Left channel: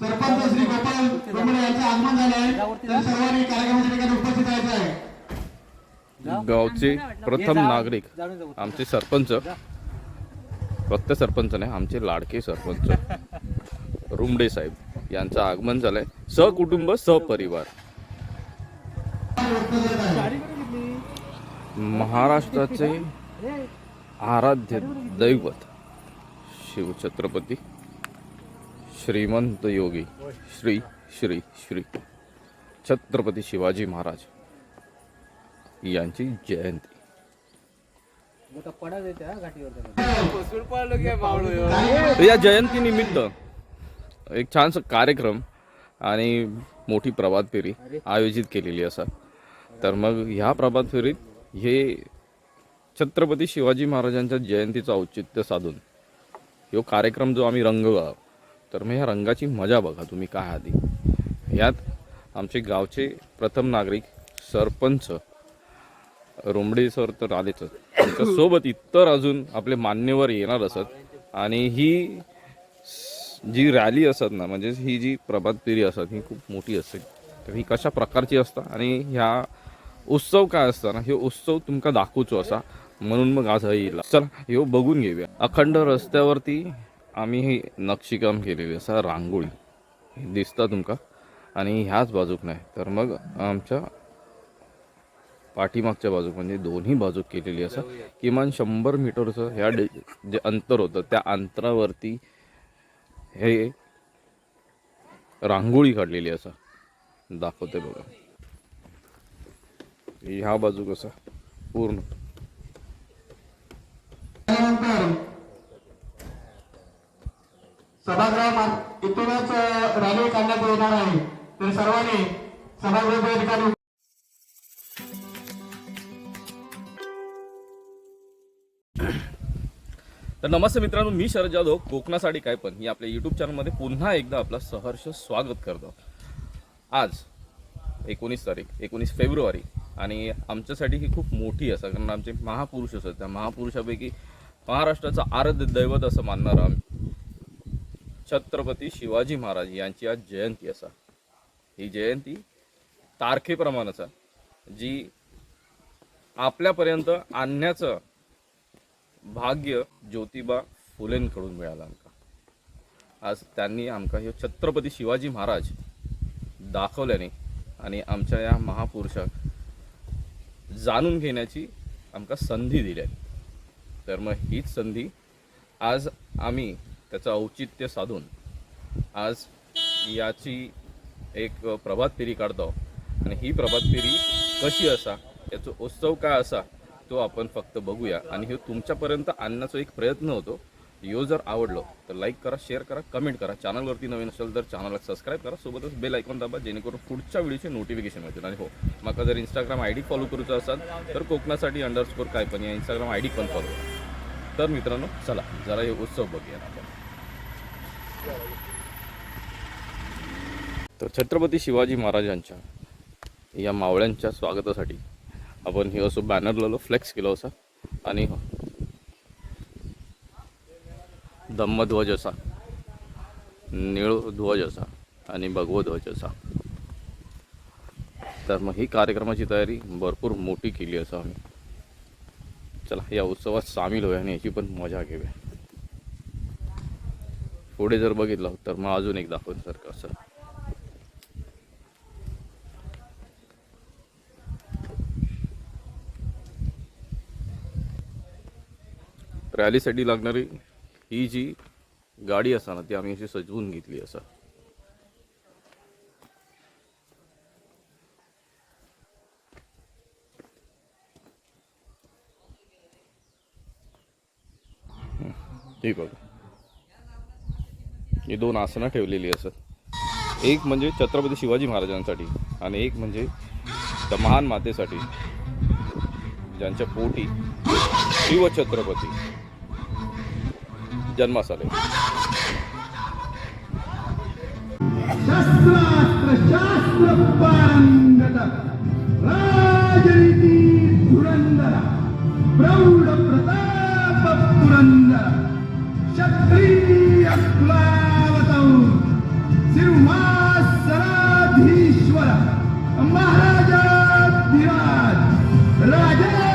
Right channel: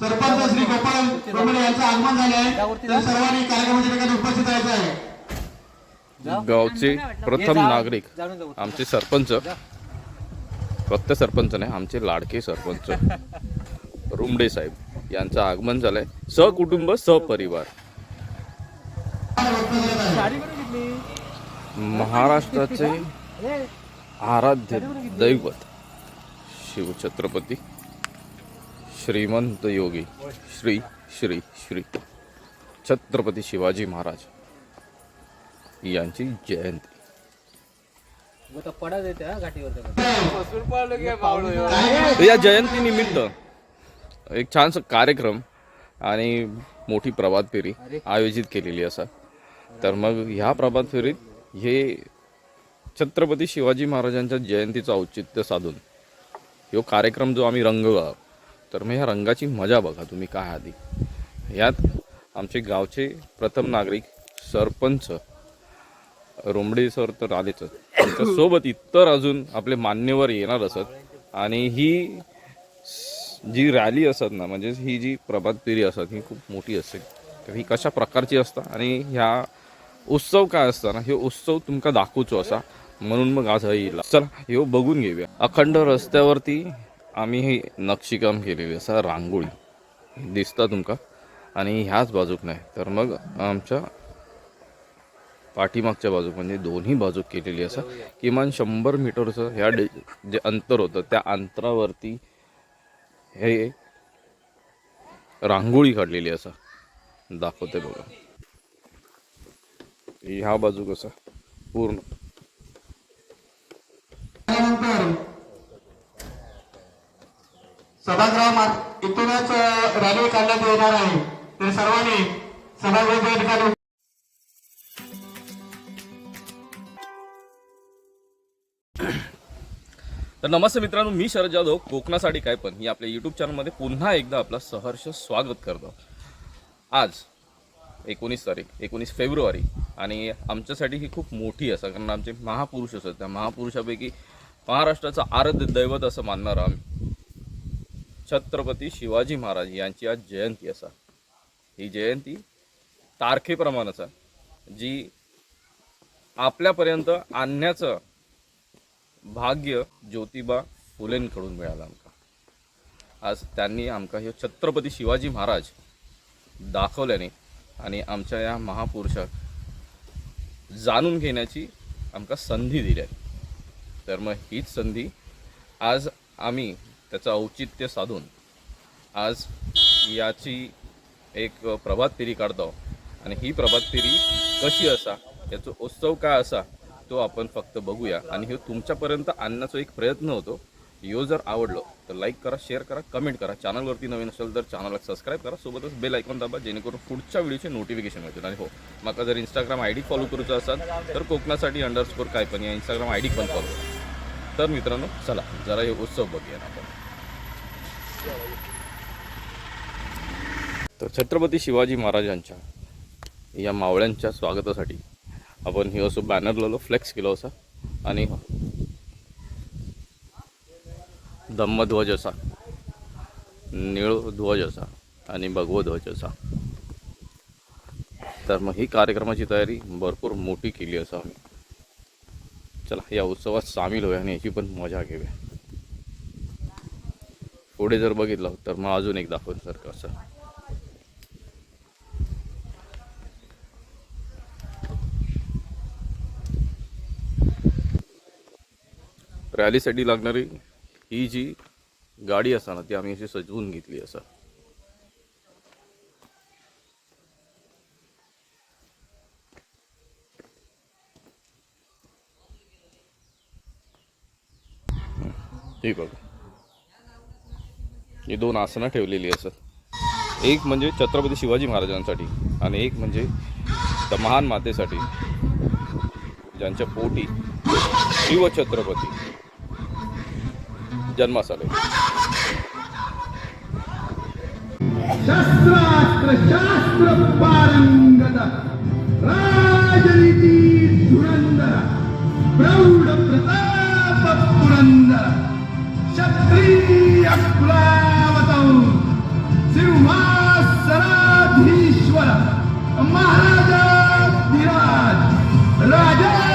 सरपंच श्री गोपाल प्रमणे यांचं आगमन झालं आहे यावरती सर्वांनी कार्यक्रमाच्या ठिकाणी उपस्थित राहायचं आहे गावचे प्रथम नागरिक आमचे सरपंच. फक्त सरपंच नाही आमचे लाडके सरपंच. रुमडे साहेब यांचं आगमन झालंय. सहकुटुंब सहपरिवार. महाराष्ट्राचे आराध्य दैवत शिवछत्रपती श्रीमंत योगी श्री श्री श्री छत्रपती शिवाजी महाराज यांची जयंती. या जयंती निमित्त या जयंतीनिमित्त एक छानसा कार्यक्रम आणि मोठी प्रभात फेरी आयोजित केलेली असा तर मग ह्या प्रभात फेरीत हे छत्रपती शिवाजी महाराजांच्या जयंतीचं औचित्य साधून ह्यो कार्यक्रम जो आम्ही रंगला तर मग ह्या रंगाची मजा बघा तुम्ही काय आधी. यात आमचे गावचे प्रथम नागरिक सरपंच रोमडे सर तर आलेच. सोबत इतर अजून आपले मान्यवर येणार असत. आणि ही जी रॅली असत ना म्हणजे ही जी प्रभात फेरी असत ही खूप मोठी असते तर ही कशा प्रकारची असता आणि ह्या उत्सव काय असताना हे उत्सव तुमका दाखवचो असा. म्हणून मग आज येईल. चला ह्यो बघून घेऊया. अखंड रस्त्यावरती आम्ही हे नक्षीकाम केलेली असा रांगोळी. दिसता तुमका. आणि ह्याच बाजूक नाही तर मग आमच्या पाठीमागच्या बाजूक म्हणजे दोन्ही बाजूक केलेली असा. किमान शंभर मीटरचं ह्या डे जे अंतर होतं त्या अंतरावरती हे रांगोळी काढलेली असा. दाखवते बघा. ह्या बाजू कसा? पूर्ण. इथूनच रॅली काढण्यात येणार आहे. तर सर्वांनी सभागृहाच्या ठिकाणी तर नमस्ते मित्रांनो मी शरद जाधव. कोकणासाठी काय पण ही आपल्या यूट्यूब चॅनलमध्ये पुन्हा एकदा आपलं सहर्ष स्वागत करतो. आज एकोणीस तारीख एकोणीस फेब्रुवारी. आणि आमच्यासाठी ही खूप मोठी असा कारण आमचे महापुरुष असतात. त्या महापुरुषापैकी महाराष्ट्राचं आराध्य दैवत असं मानणार आम्ही. छत्रपती शिवाजी महाराज यांची आज जयंती असा. ही जयंती तारखेप्रमाणेच जी आपल्यापर्यंत आणण्याचं भाग्य ज्योतिबा फुलेंकडून मिळालं आमका. आज त्यांनी आमका हे छत्रपती शिवाजी महाराज दाखवल्याने आणि आमच्या या महापुरुषाक जाणून घेण्याची आमका संधी दिली तर मग हीच संधी आज आम्ही त्याचं औचित्य साधून आज याची एक प्रभात फेरी काढतो. आणि ही प्रभात फेरी कशी असा याचा उत्सव काय असा तो आपण फक्त बघूया. आणि हे तुमच्यापर्यंत आणण्याचा एक प्रयत्न होतो. व्हिडिओ जर आवडलो तर लाईक करा शेअर करा कमेंट करा. चॅनलवरती नवीन असेल तर चॅनलला सबस्क्राईब करा. सोबतच बेल ऐकून दाबा जेणेकरून पुढच्या व्हिडिओचे नोटिफिकेशन मिळतील. आणि हो माका जर इंस्टाग्राम आय डी फॉलो करूचा असाल तर कोकणासाठी अंडरस्कोर काय पण या इंस्टाग्राम आय डी पण फॉलो तर मित्रांनो चला जरा हे उत्सव बघूया ना आपण. तर छत्रपती शिवाजी महाराजांच्या या मावळ्यांच्या स्वागतासाठी आपण हे असं बॅनर लावलो फ्लेक्स केलं असं. आणि हो, धम्मध्वज असा निळ ध्वज असा आणि भगवध्वज असा तर मग ही कार्यक्रमाची तयारी भरपूर मोठी केली असं आम्ही. चला या उत्सवात सामील होऊया आणि याची पण मजा घेऊया. पुढे जर बघितलं तर मग अजून एक दाखवून सारखं असं रॅलीसाठी लागणारी ही जी गाडी असा ना ती आम्ही अशी सजवून घेतली असं. हे बघा. ही दोन आसनं ठेवलेली असत एक म्हणजे छत्रपती शिवाजी महाराजांसाठी आणि एक म्हणजे त्या महान मातेसाठी ज्यांच्या पोटी शिवछत्रपती. जन्मास आले शस्त्रास्त्र शास्त्र पारंगत राजनीती धुरंदर प्रौढ प्रताप पुरंदर क्षत्रिय कुलावतौ सिंहासनाधीश्वर महाराजाधिराज राजा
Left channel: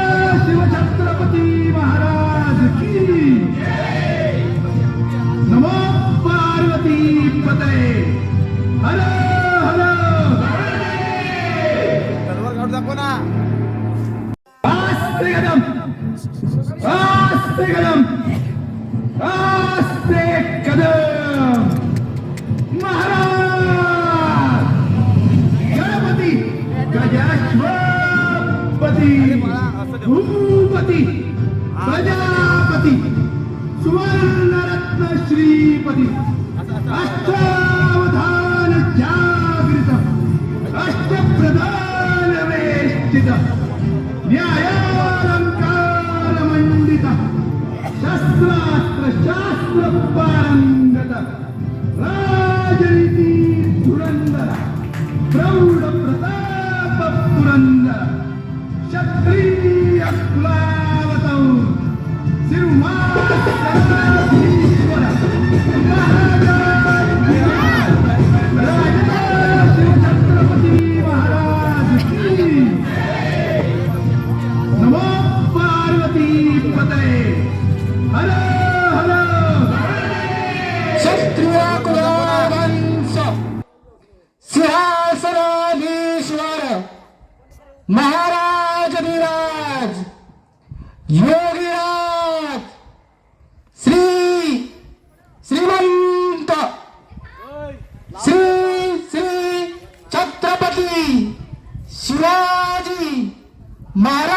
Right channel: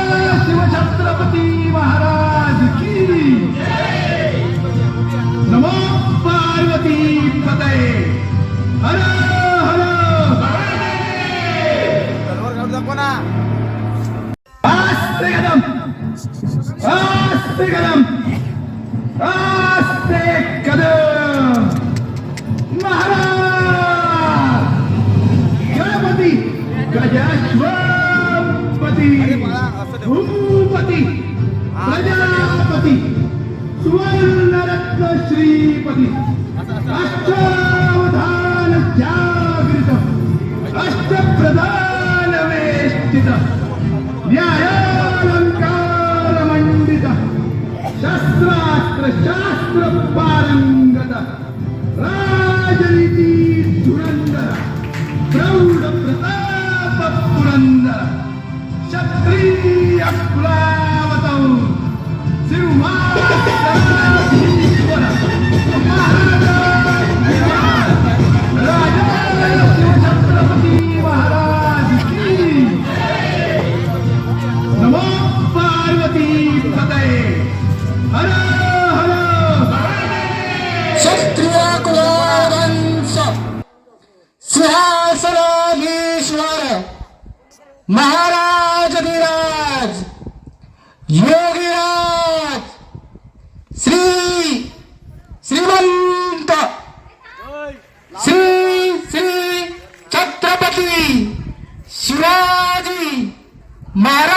अष्टावधानख्याकृतः अष्टप्रधानवेष्टितः न्यायालङ्कारमण्डितः शस्त्रास्त्रशास्त्रपारम् મારા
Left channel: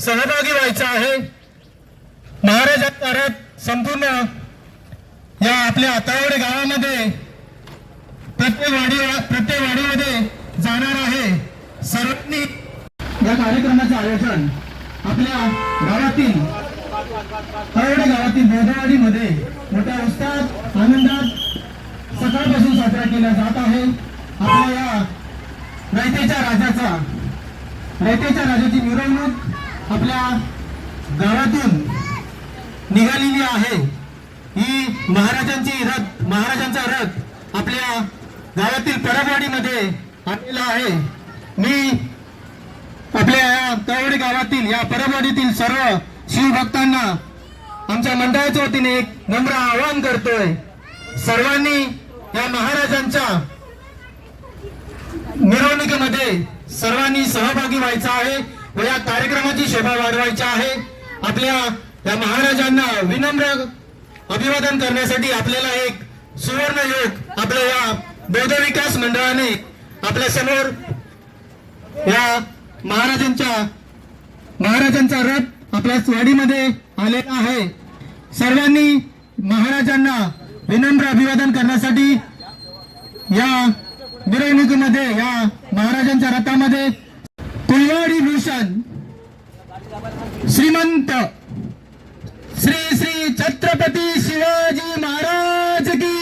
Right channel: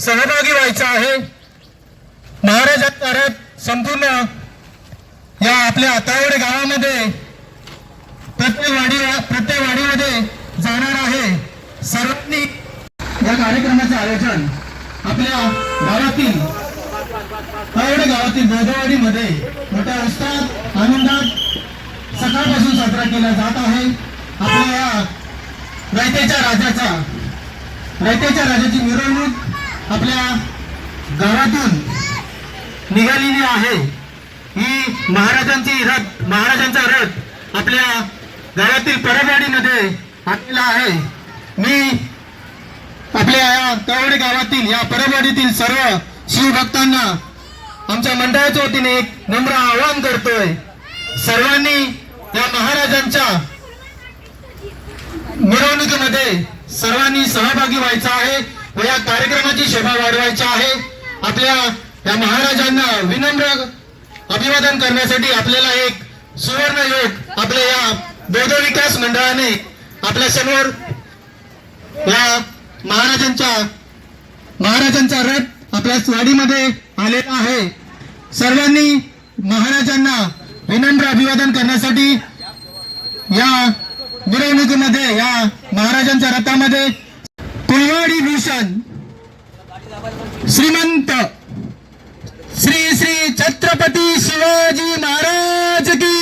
सहभागी व्हायचं आहे. महाराजांचा संपूर्ण या आपल्या आतावडे गावामध्ये प्रत्येक वाडी प्रत्येक वाडीमध्ये जाणार आहे. सर्वांनी या कार्यक्रमाचे आयोजन आपल्या गावातील तावडे गावातील बोधवाडीमध्ये मोठ्या उत्साहात आनंदात सकाळपासून साजरा केला जात आहे. आपल्या या रयतेच्या राजाचा रयतेच्या राजाची मिरवणूक आपल्या गावातून निघालेली आहे. ही महाराजांची रथ महाराजांचा रथ आपल्या गावातील परबवाडीमध्ये आलेला आहे. मी आपल्या या कवडे गावातील या परवाडीतील सर्व शिवभक्तांना आमच्या मंडळाच्या वतीने एक नम्र आवाहन करतोय. सर्वांनी या महाराजांच्या मिरवणुकीमध्ये सर्वांनी सहभागी व्हायचं आहे. व या कार्यक्रमाची शोभा वाढवायची आहे. आपल्या या महाराजांना विनम्र अभिवादन करण्यासाठी आपल्याला एक सुवर्ण योग आपल्या या बौद्ध विकास मंडळाने आपल्यासमोर या महाराजांच्या महाराजांचा रथ आपल्या वाडीमध्ये आलेला आहे. सर्वांनी महाराजांना विनम्र अभिवादन करण्यासाठी या मिरवणुकीमध्ये या महाराजांच्या रथामध्ये कुलवाडी मिशन. श्रीमंत श्री श्री छत्रपती शिवाजी महाराज की.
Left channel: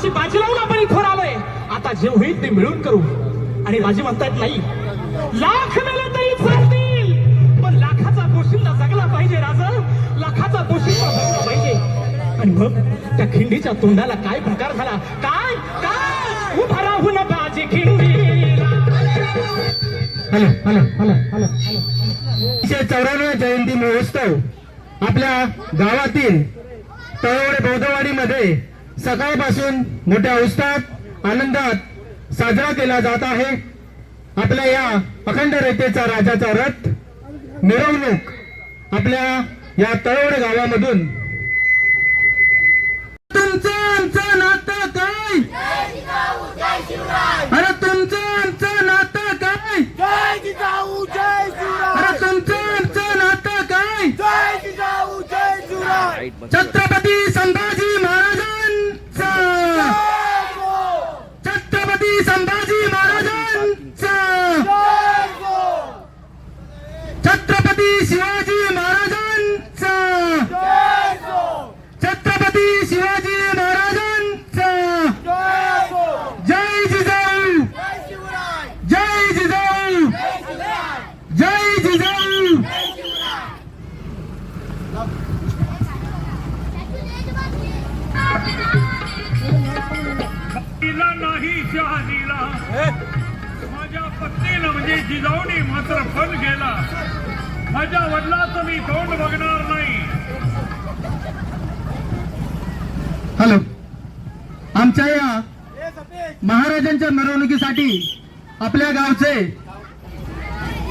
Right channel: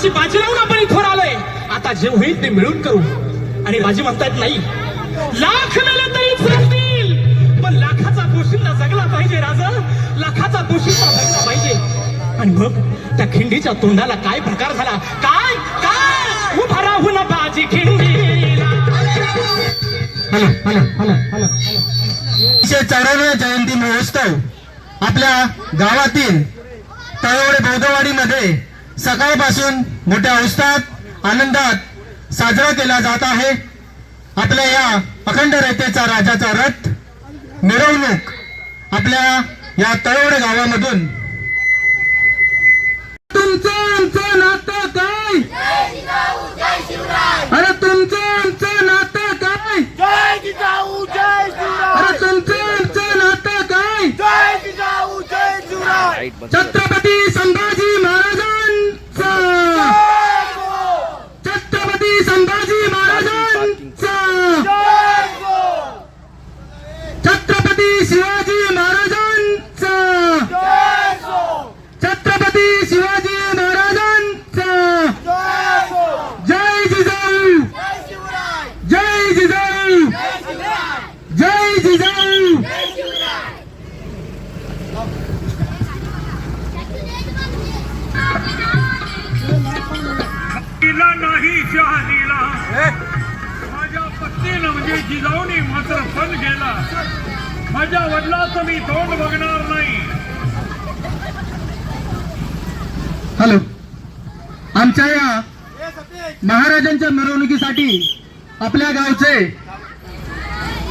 जीवाची बाजी लावून आपण इथवर आलोय आता जे होईल ते मिळून करू. आणि माझी म्हणतायत नाही. लाख मेले तरी चालतील पण लाखाचा दोषींना जगला पाहिजे राजा. लाखाचा दोषींना जगला पाहिजे. आणि मग त्या खिंडीच्या तोंडाला काय प्रकार झाला? काय? काय? उभा राहून बाजी खिंडी. हॅलो चौऱ्याण्णव जयंती महोत्सव आपल्या गावातील तळवडे बौद्धवाडीमध्ये सकाळपासून मोठ्या उत्साहात आनंदात साजरा केला जात आहे. आपल्या या अखंड रेतेचा राजाचा रथ मिरवणूक आपल्या या तळवडे गावामधून. तुमचं आमचं नातं काय? अरे तुमचं आमचं नातं काय? जय जिजाऊ जय शिवराय. अरे तुमचं आमचं नातं काय? जय जिजाऊ जय शिवराय. छत्रपती माझ्या पत्नीनं म्हणजे जिजाऊने मात्र फल गेला. माझ्या वडिलाचं मी तोंड बघणार नाही. हॅलो. आमच्या या महाराजांच्या मिरवणुकीसाठी आपल्या गावचे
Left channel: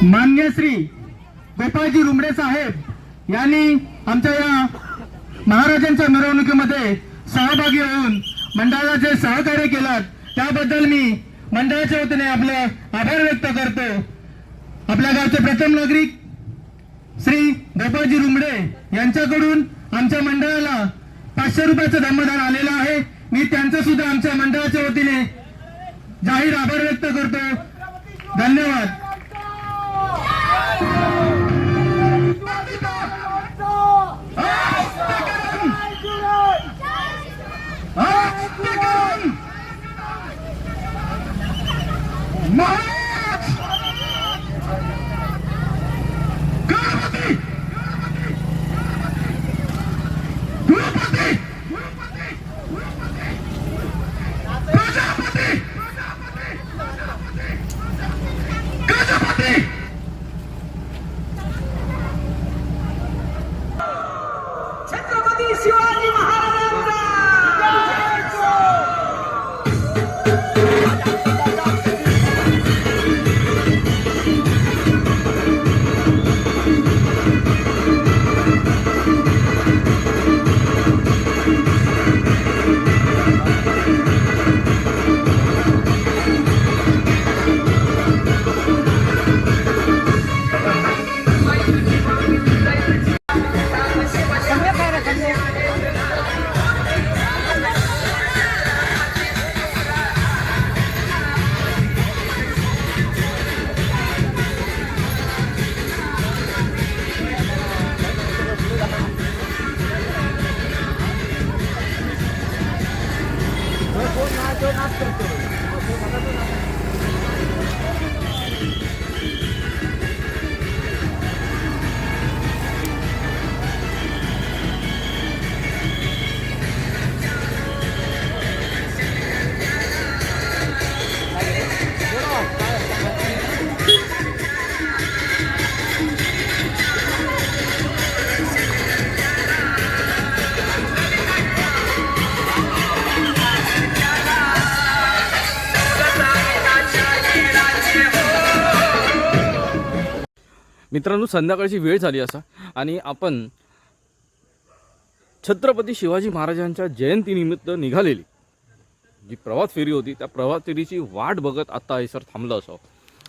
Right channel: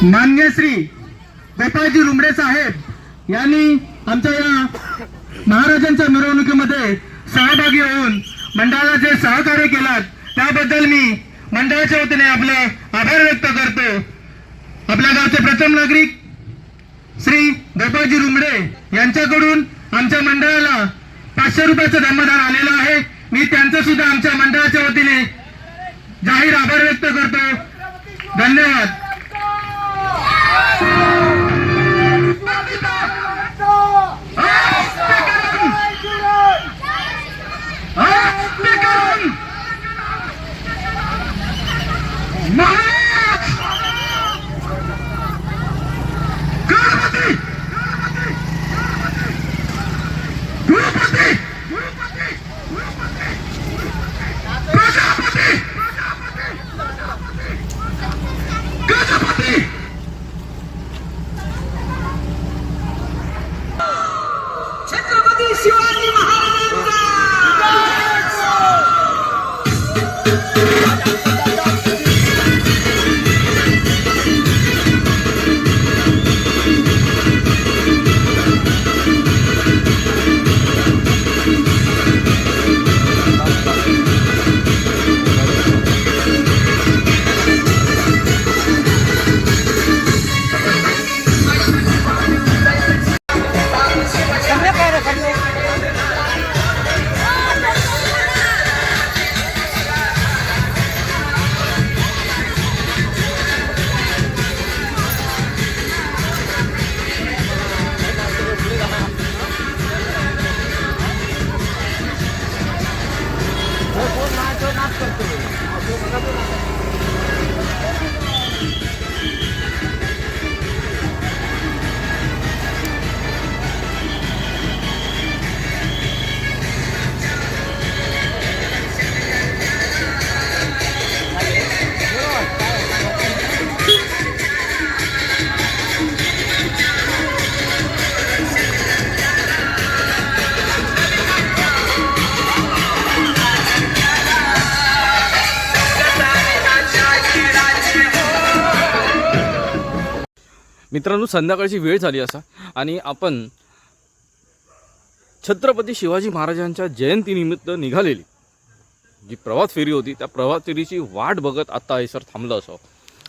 मान्य श्री गोपाळजी रुमडे साहेब यांनी आमच्या या महाराजांच्या मिरवणुकीमध्ये सहभागी होऊन मंडळाला जे सहकार्य केलात त्याबद्दल मी मंडळाच्या वतीने आपले आभार व्यक्त करतो. आपल्या गावचे प्रथम नागरिक श्री गोपाळजी रुमडे यांच्याकडून आमच्या मंडळाला पाचशे रुपयाचं धर्मदान आलेलं आहे. मी त्यांचं सुद्धा आमच्या मंडळाच्या वतीने जाहीर आभार व्यक्त करतो. धन्यवाद. महाराज! मित्रांनो संध्याकाळची वेळ झाली असा. आणि आपण छत्रपती शिवाजी महाराजांच्या जयंतीनिमित्त निघालेली. जी प्रवास फेरी होती त्या प्रवास फेरीची वाट बघत आत्ता हे सर थांबलं असावं.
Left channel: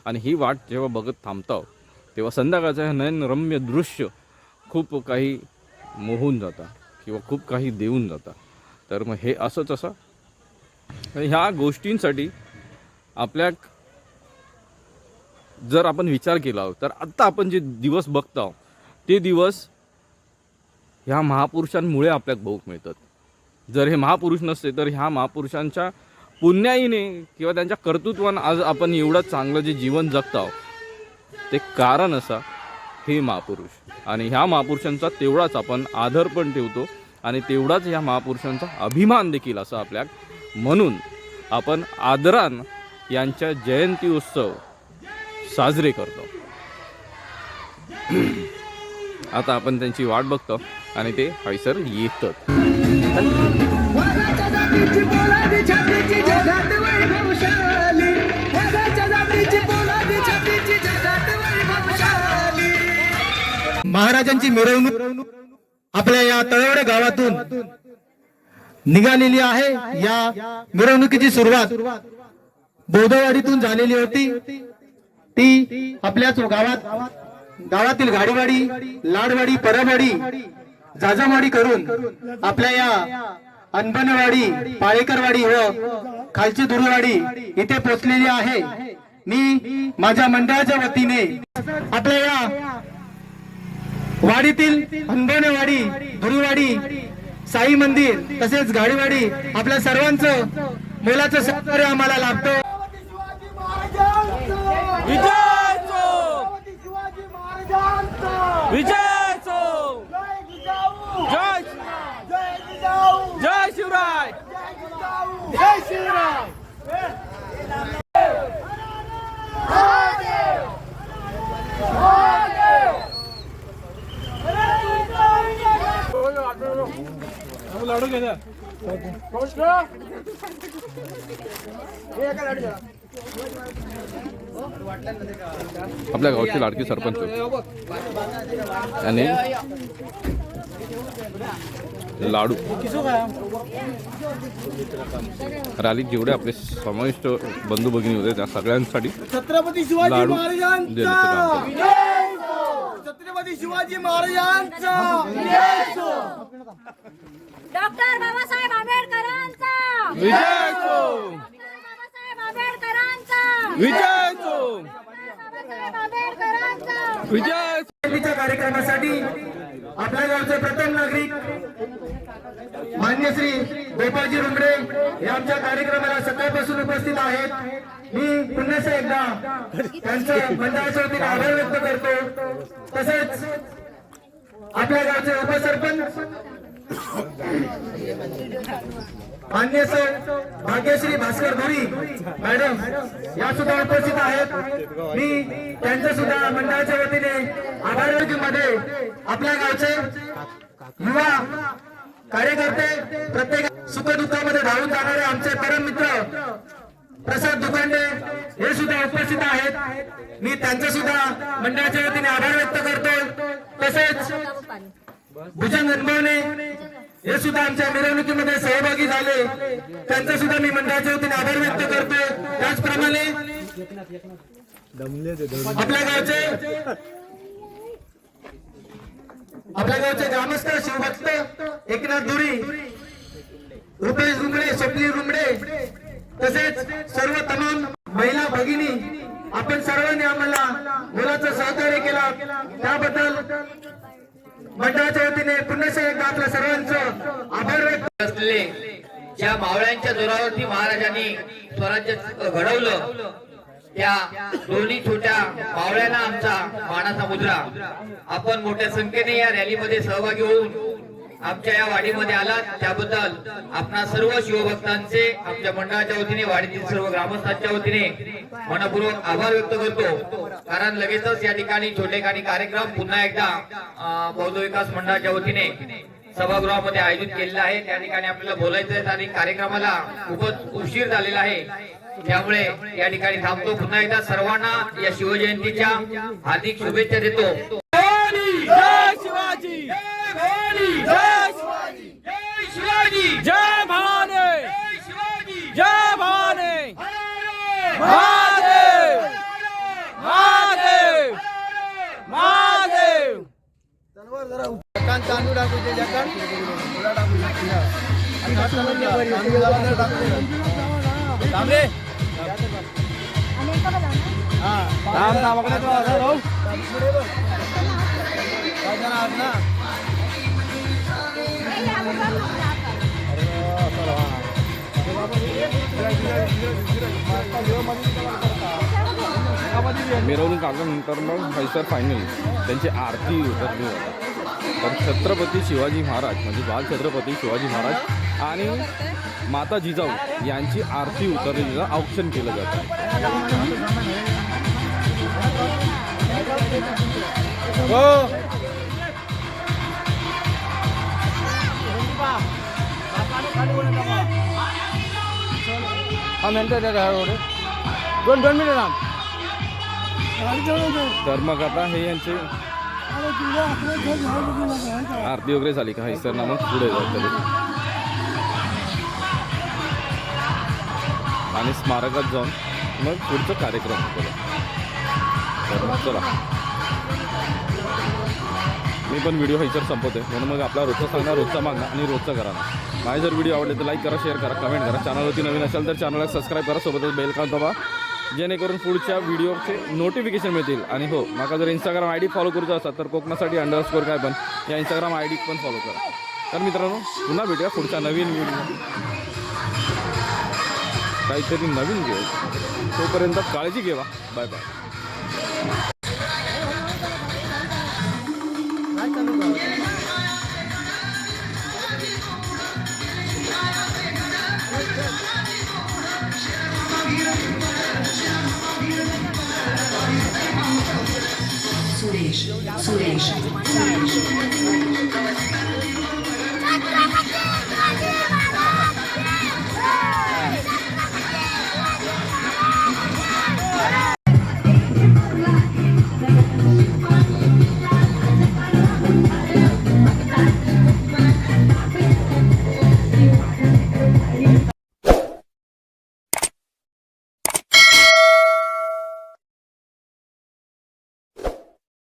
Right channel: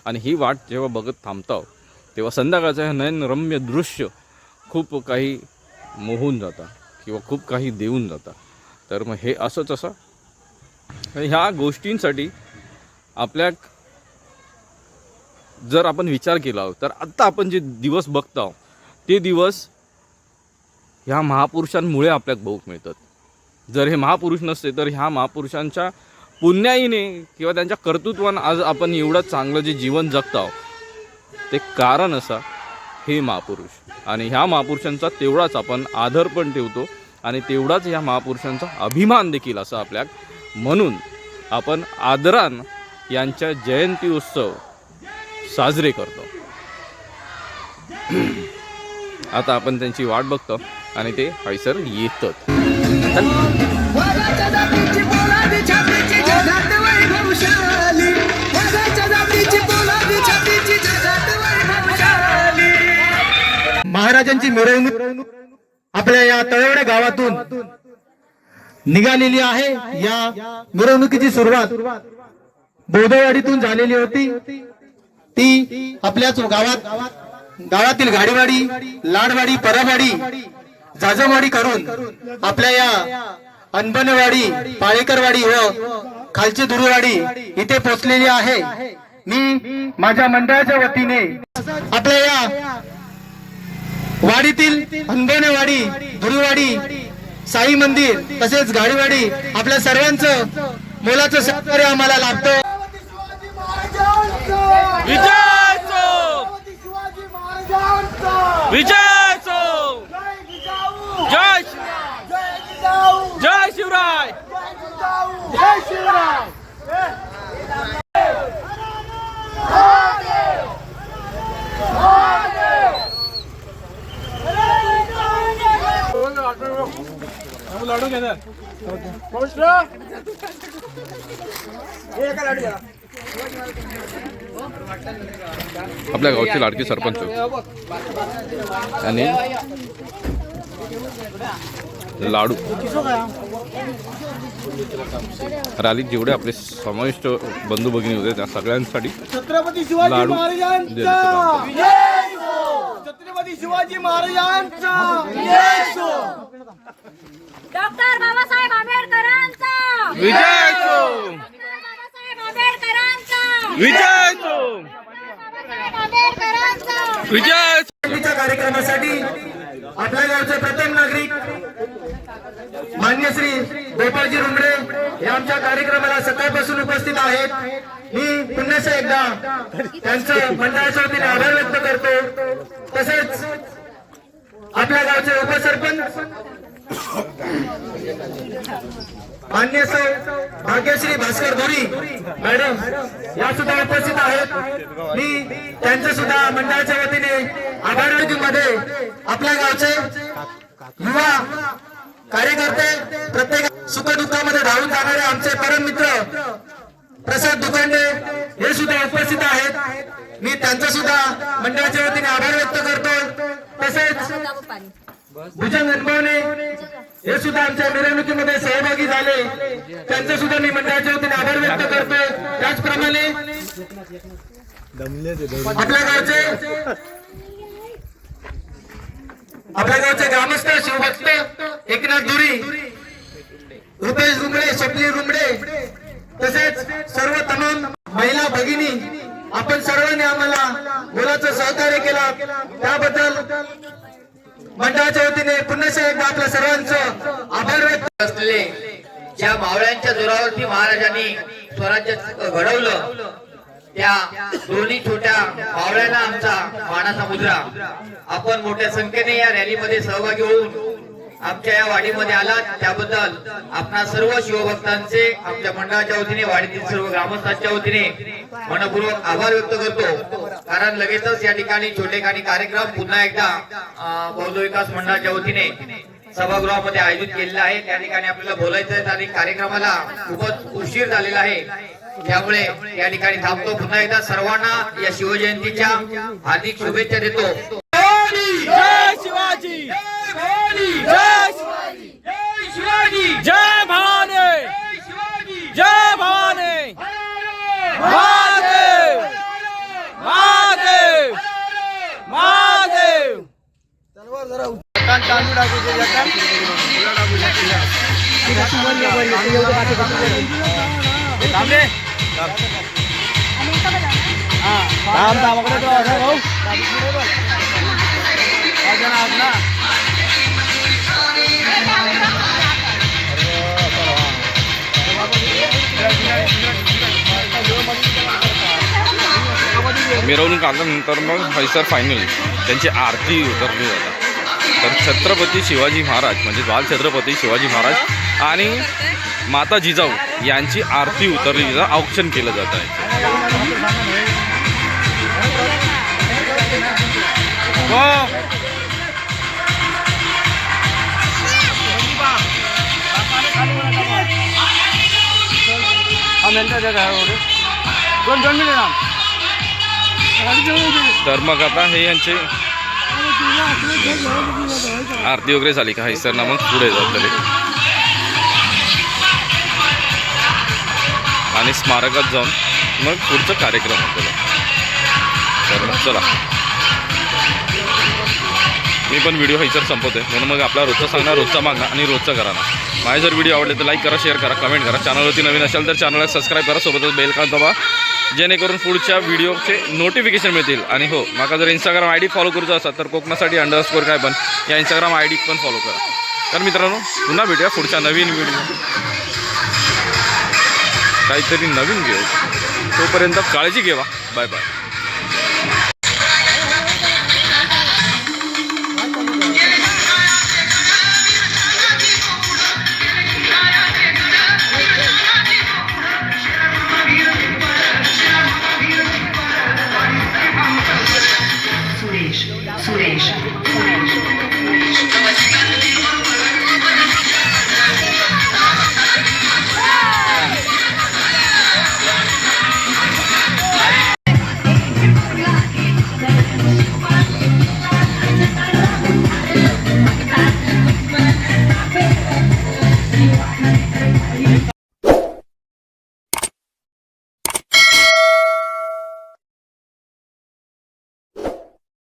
आणि ही वाट जेव्हा बघत थांबतो तेव्हा संध्याकाळचं हे नयनरम्य दृश्य खूप काही मोहून जातं किंवा खूप काही देऊन जातं. तर मग हे असंच असं. ह्या गोष्टींसाठी आपल्या जर आपण विचार केला तर आत्ता आपण जे दिवस बघतो ते दिवस ह्या महापुरुषांमुळे आपल्याला बघूक मिळतात. जर हे महापुरुष नसते तर ह्या महापुरुषांच्या पुण्याईने किंवा त्यांच्या कर्तृत्वानं आज आपण एवढं चांगलं जे जीवन जगतो ते कारण असा हे महापुरुष. आणि ह्या महापुरुषांचा तेवढाच आपण आदर पण ठेवतो आणि तेवढाच ह्या महापुरुषांचा अभिमान देखील असा आपल्या म्हणून आपण आदरान यांच्या जयंती उत्सव साजरे करतो. आता आपण त्यांची वाट बघतो आणि ते हैसर येतात. महाराजांची मिरवणूक आपल्या या तळवडे गावातून निघालेली आहे. या मिरवणुकीची सुरुवात बोधवाडीतून झालेली होती. ती आपल्याच गावात गावातील गाडीवाडी लाडवाडी परावाडी जाजवाडी करून आपल्या या अनबनवाडी पाळेकरवाडी व खालची दुरुवाडी इथे पोहोचलेली आहे. मी माझ्या मंडळाच्या वतीने आपल्या या वाडीतील अंगणवाडी गुरुवाडी साई मंदिर तसेच गाडीवाडी आपल्या सर्वांचं मोलाचं सहकार्य आम्हाला लाभतं. महाराजांचा विजय जय जिजाऊ जय जय जिजाऊ जय शिवराय जय जिजाऊ जय शिवराय आपल्या गावचे लाडके सरपंच. आणि लाडू. रॅलीत जेवढे आपले समाविष्ट बंधू भगिनी होते त्या सगळ्यांसाठी छत्रपती शिवाजी लाडू. छत्रपती शिवाजी महाराजांचा. डॉक्टर बाबासाहेब आंबेडकरांचा. विजय असो! डॉक्टर बाबासाहेब आंबेडकरांचा विजय! विजय! कार्यक्रमासाठी आपल्या गावचे प्रथम नागरिक मान्य श्री गोपाळजी रुमडे हे आमच्या कार्यक्रमाला सकाळपासून उपस्थित आहेत. मी पुन्हा एकदा त्यांचं मंडळाच्या वतीने आभार व्यक्त करतो. तसेच आपल्या गावचे उपसरपंच मान्य सौ भाग्यश्री भास्कर धुरी मॅडम या सुद्धा उपस्थित आहेत. मी त्यांचं सुद्धा मंडळाच्या वतीने आभारमध्ये आपल्या गावचे युवा कार्यकर्ते प्रत्येक सुखदुःखामध्ये धावून जाणारे आमचे परम मित्र प्रसाद दुकांडे हे सुद्धा उपस्थित आहेत. मी त्यांचा सुद्धा मंडळाच्या वतीने आभार व्यक्त करतो. तसेच भुजंग अनुभवने हे सुद्धा आमच्या मिरवणुकीमध्ये सहभागी झाले. त्यांचा सुद्धा मी मंडळाच्या वतीने आभार व्यक्त करतोय. त्याचप्रमाणे आपल्या गावचे आपल्या गावचे ग्रामस्थ शिवभक्त एकनाथ धुरी रुपेश रुमडे स्वप्नी रुमडे तसेच सर्व तमाम महिला भगिनी आपण सर्वांनी आम्हाला मुलाचं सहकार्य केला. त्याबद्दल मंडळाच्या वतीने पुन्हा एकदा आपल्या सर्वांचं आभार व्यक्त असलेले ज्या मावळ्यांच्या जोरावरती महाराजांनी स्वराज्य घडवलं त्या दोन्ही छोट्या मावळ्यांना आमचा मानाचा मुद्रा. आपण मोठ्या संख्येने या रॅलीमध्ये सहभागी होऊन आमच्या या वाडीमध्ये आलात त्याबद्दल आपणा सर्व शिवभक्तांचे आपल्या मंडळाच्या वतीने वाडीतील सर्व ग्रामस्थांच्या वतीने मनपूर्वक आभार व्यक्त करतो. कारण लगेचच या ठिकाणी छोटेखानी कार्यक्रम पुन्हा एकदा बौद्ध विकास मंडळाच्या वतीने सभागृहामध्ये आयोजित केलेला आहे. त्या ठिकाणी आपल्याला बोलायचं आहे आणि कार्यक्रमाला खूपच उशीर झालेला आहे. त्यामुळे या ठिकाणी थांबतो. पुन्हा एकदा सर्वांना या शिवजयंतीच्या हार्दिक शुभेच्छा देतो. शिवाजी. जय जय भवानी. जय आल्यानंतर मग हैसर फायनल त्यांची आरती उतरली जातात तर छत्रपती शिवाजी महाराज म्हणजे बाल छत्रपती शिवाजी महाराज आणि माता जिजाऊ यांची आरती उतरली जातं औक्षण केलं जात आहे. दोन दोन मिनिट तर मग आता हे यांचे आरती वगैरे झाली का? सर ना मग पुढे जातले आणि स्मारकात जाऊन मग पुढचा कार्यक्रम होतो तर मग चला. मी पण व्हिडिओ हैसर संपवतोय. म्हणून मग आपला रोजचा सांगणार रोजचा मागणार आणि रोजचा करा ना माझे जर व्हिडिओ आवडले तर लाईक करा शेअर करा कमेंट करा. चॅनलवरती नवीन असेल तर चॅनलला सबस्क्राईब करा. सोबतच बेल का दबा जेणेकरून पुढच्या व्हिडिओचे नोटिफिकेशन मिळतील. आणि हो माका जर इंस्टाग्राम आय डी फॉलो करूचा असाल तर कोकणासाठी अंडरस्कोर काय पण या इंस्टाग्राम आय डी पण फॉलो करा. तर मित्रांनो पुन्हा भेटूया पुढच्या नवीन व्हिडिओ काहीतरी नवीन घेऊ तोपर्यंत काळजी घेवा. Bye bye